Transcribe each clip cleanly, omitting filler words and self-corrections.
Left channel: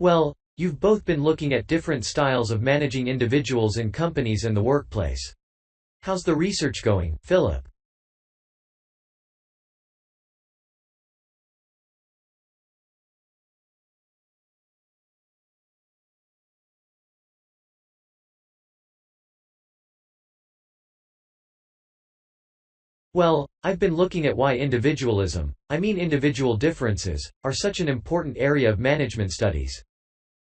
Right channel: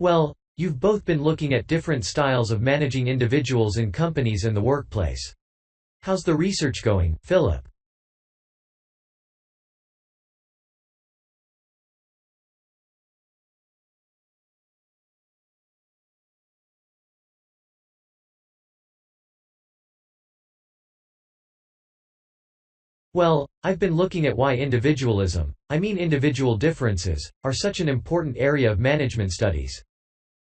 Well, you've both been looking at different styles of managing individuals in companies and the workplace. How's the research going, Philip? Well, I've been looking at why individual differences, are such an important area of management studies.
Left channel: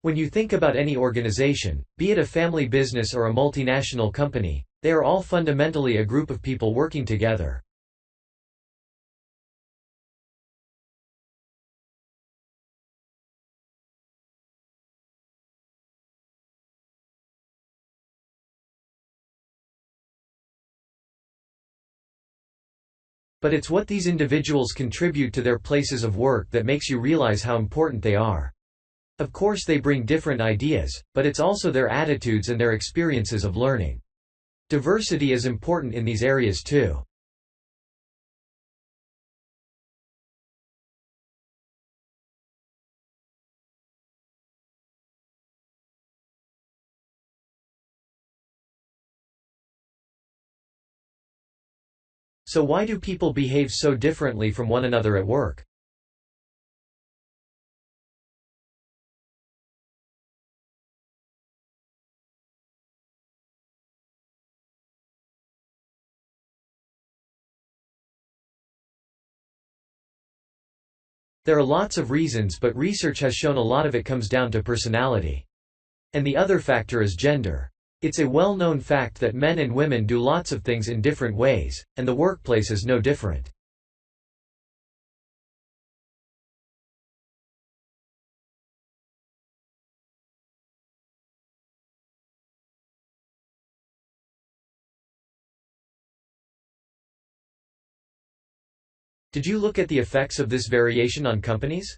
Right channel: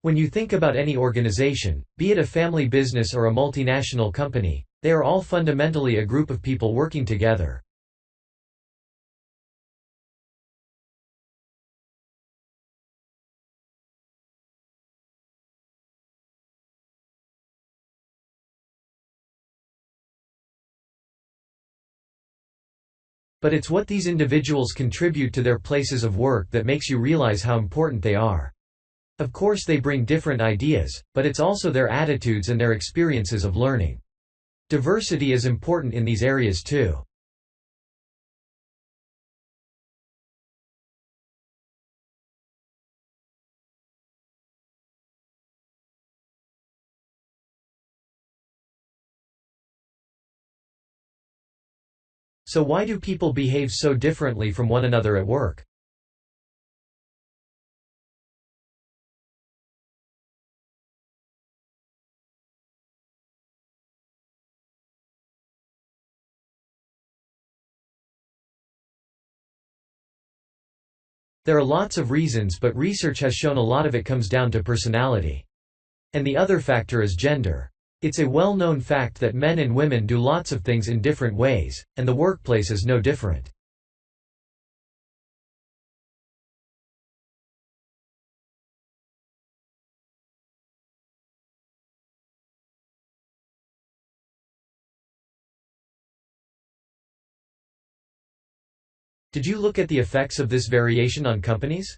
When you think about any organization, be it a family business or a multinational company, they are all fundamentally a group of people working together. But it's what these individuals contribute to their places of work that makes you realize how important they are. Of course they bring different ideas, but it's also their attitudes and their experiences of learning. Diversity is important in these areas too. So why do people behave so differently from one another at work? There are lots of reasons, but research has shown a lot of it comes down to personality. And the other factor is gender. It's a well-known fact that men and women do lots of things in different ways, and the workplace is no different. Did you look at the effects of this variation on companies?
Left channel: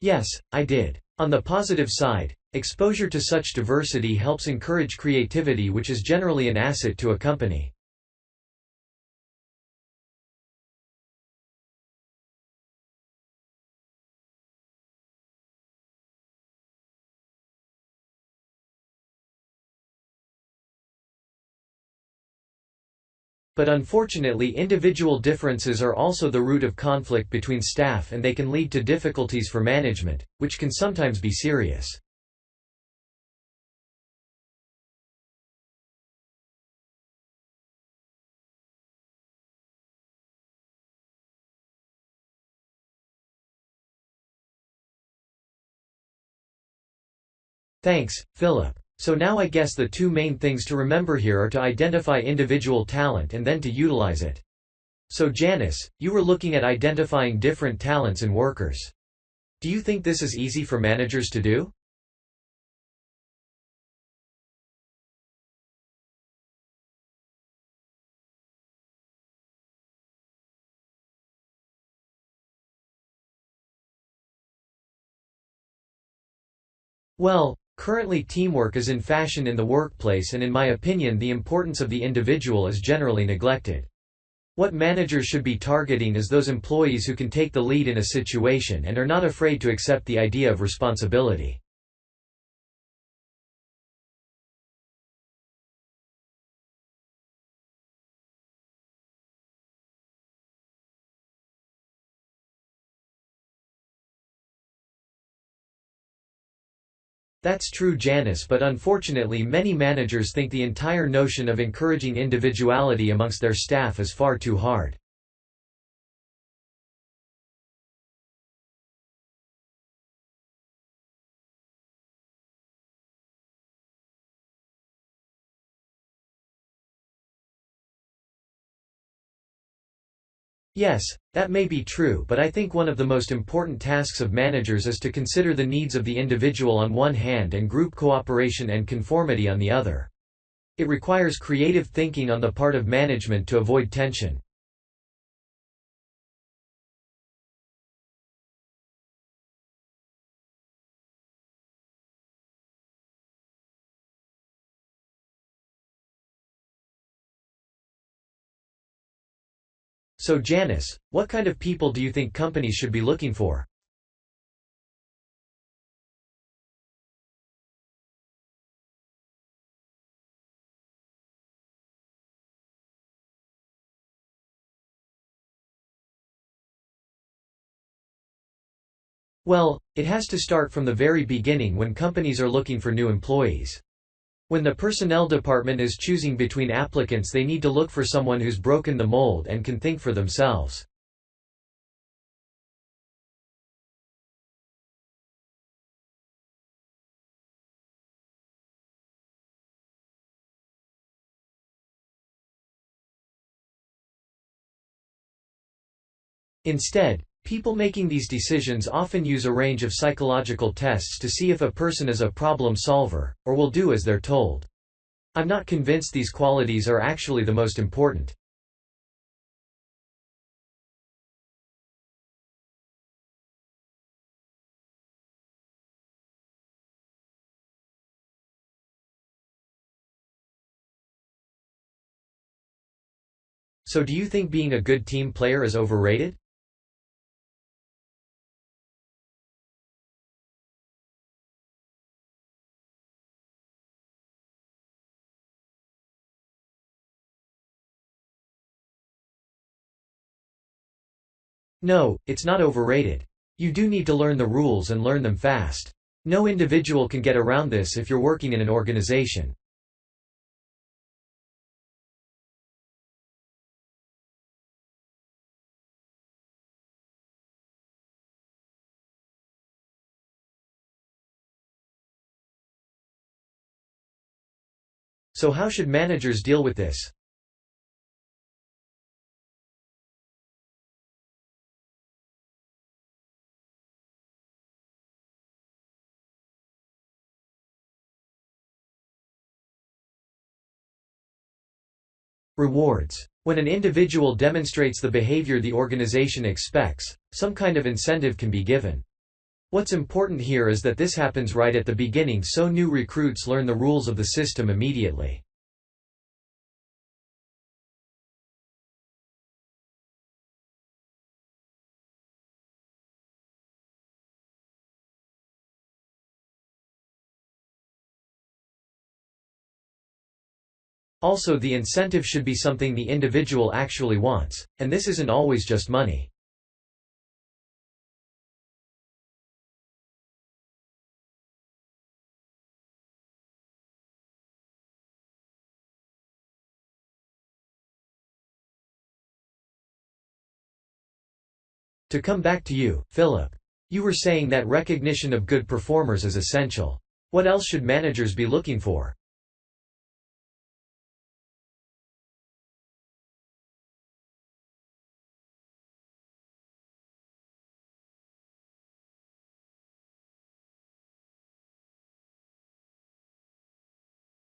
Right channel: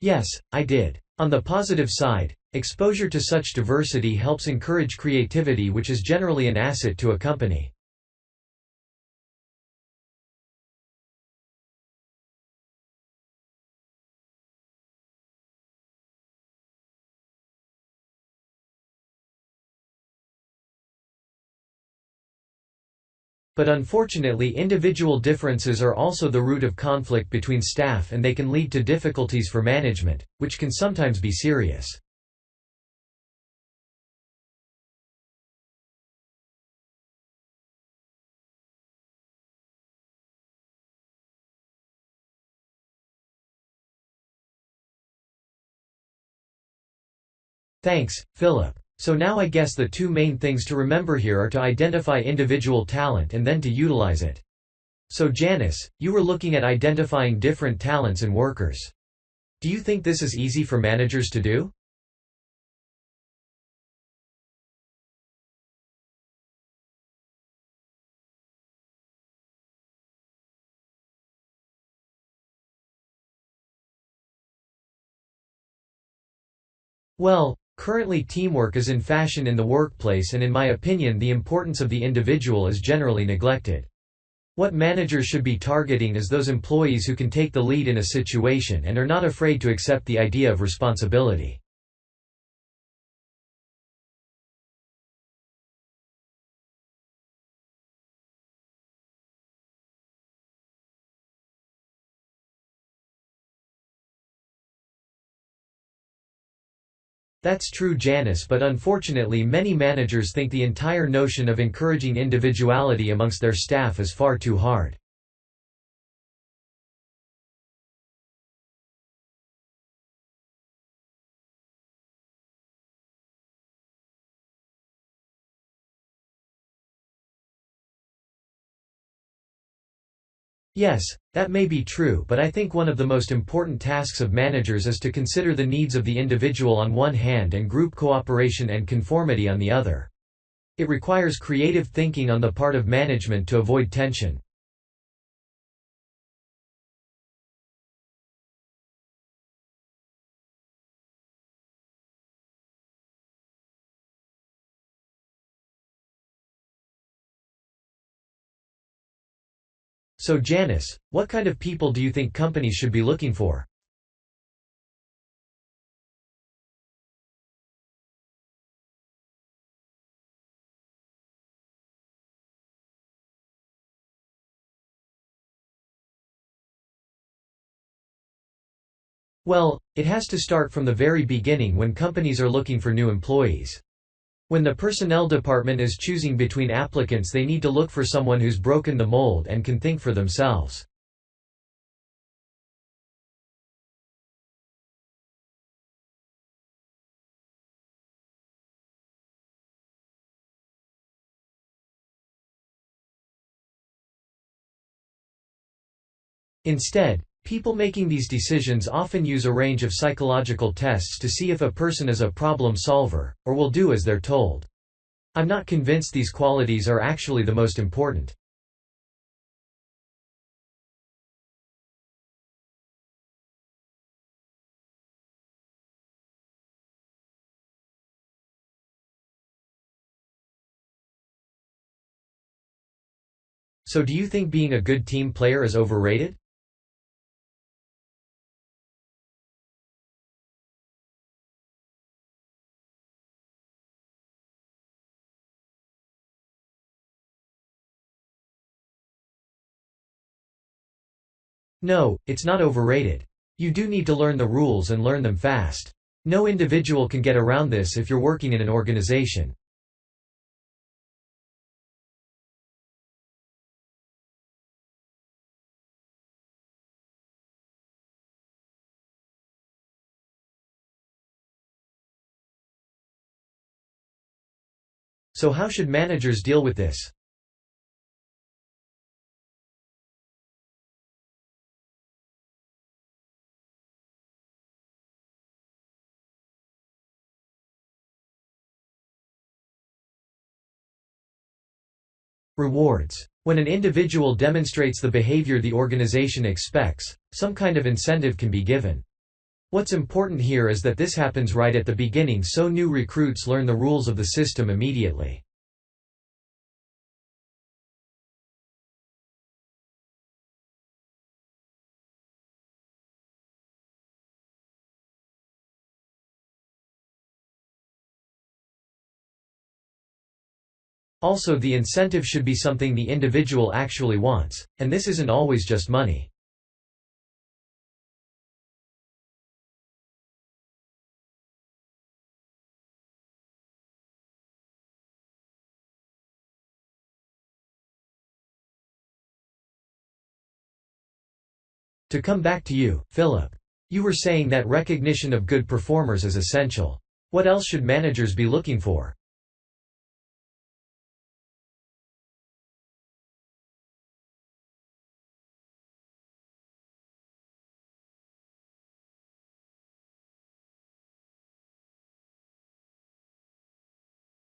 Yes, I did. On the positive side, exposure to such diversity helps encourage creativity, which is generally an asset to a company. But unfortunately, individual differences are also the root of conflict between staff, and they can lead to difficulties for management, which can sometimes be serious. Thanks, Philip. So now I guess the two main things to remember here are to identify individual talent and then to utilize it. So Janice, you were looking at identifying different talents in workers. Do you think this is easy for managers to do? Well, currently teamwork is in fashion in the workplace, and in my opinion the importance of the individual is generally neglected. What managers should be targeting is those employees who can take the lead in a situation and are not afraid to accept the idea of responsibility. That's true, Janice, but unfortunately many managers think the entire notion of encouraging individuality amongst their staff is far too hard. Yes, that may be true, but I think one of the most important tasks of managers is to consider the needs of the individual on one hand and group cooperation and conformity on the other. It requires creative thinking on the part of management to avoid tension. So Janice, what kind of people do you think companies should be looking for? Well, it has to start from the very beginning when companies are looking for new employees. When the personnel department is choosing between applicants, they need to look for someone who's broken the mold and can think for themselves. Instead, people making these decisions often use a range of psychological tests to see if a person is a problem solver, or will do as they're told. I'm not convinced these qualities are actually the most important. So do you think being a good team player is overrated? No, it's not overrated. You do need to learn the rules and learn them fast. No individual can get around this if you're working in an organization. So how should managers deal with this? Rewards. When an individual demonstrates the behavior the organization expects, some kind of incentive can be given. What's important here is that this happens right at the beginning so new recruits learn the rules of the system immediately. Also, the incentive should be something the individual actually wants, and this isn't always just money. To come back to you, Philip. You were saying that recognition of good performers is essential. What else should managers be looking for?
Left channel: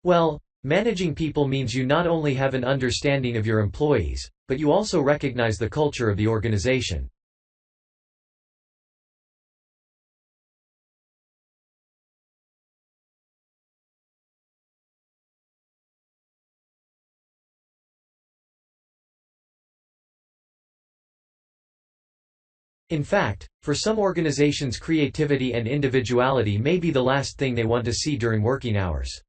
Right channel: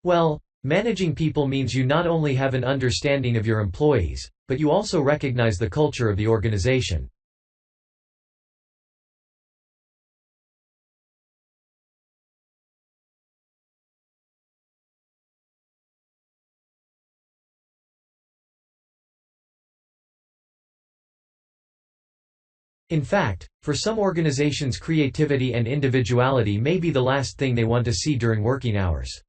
Well, managing people means you not only have an understanding of your employees, but you also recognize the culture of the organization. In fact, for some organizations, creativity and individuality may be the last thing they want to see during working hours.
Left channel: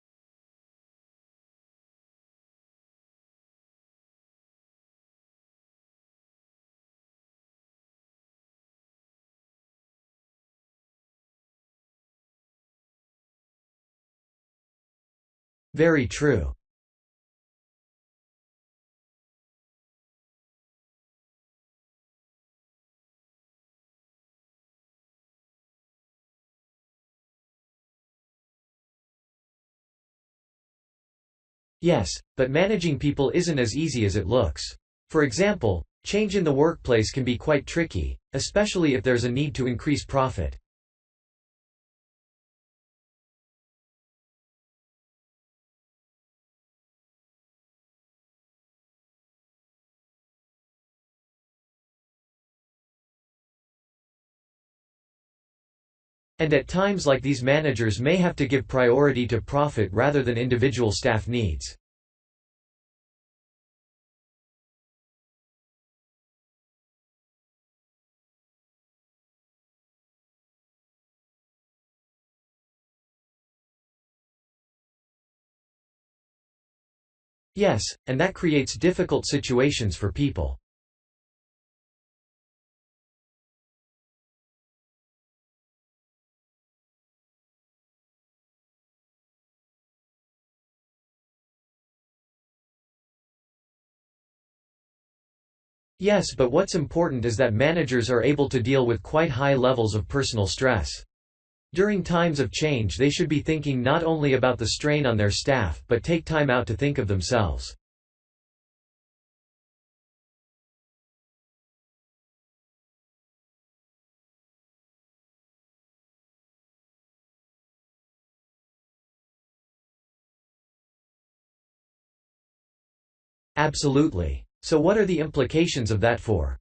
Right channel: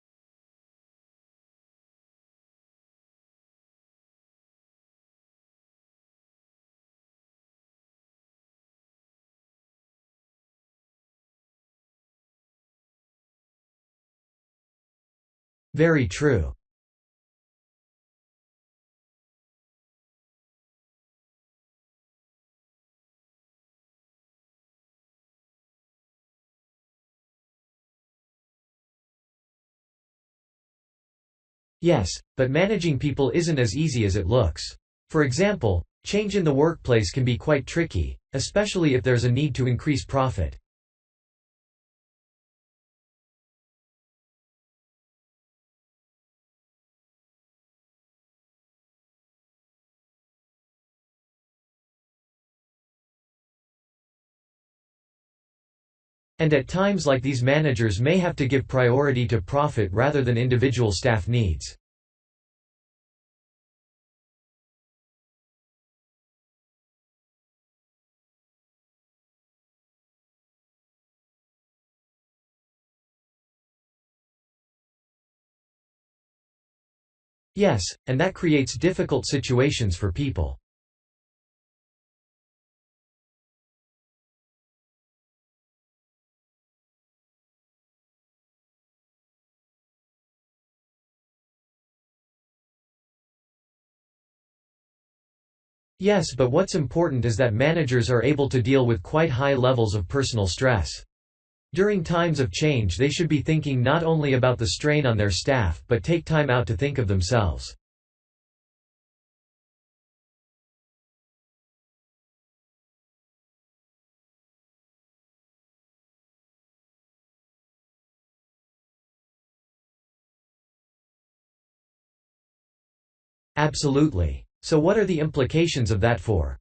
Very true. Yes, but managing people isn't as easy as it looks. For example, change in the workplace can be quite tricky, especially if there's a need to increase profit. And at times like these, managers may have to give priority to profit rather than individual staff needs. Yes, and that creates difficult situations for people. Yes, but what's important is that managers are able to deal with quite high levels of personal stress. During times of change they should be thinking not only about the strain on their staff, but take time out to think of themselves. Absolutely. So what are the implications of that for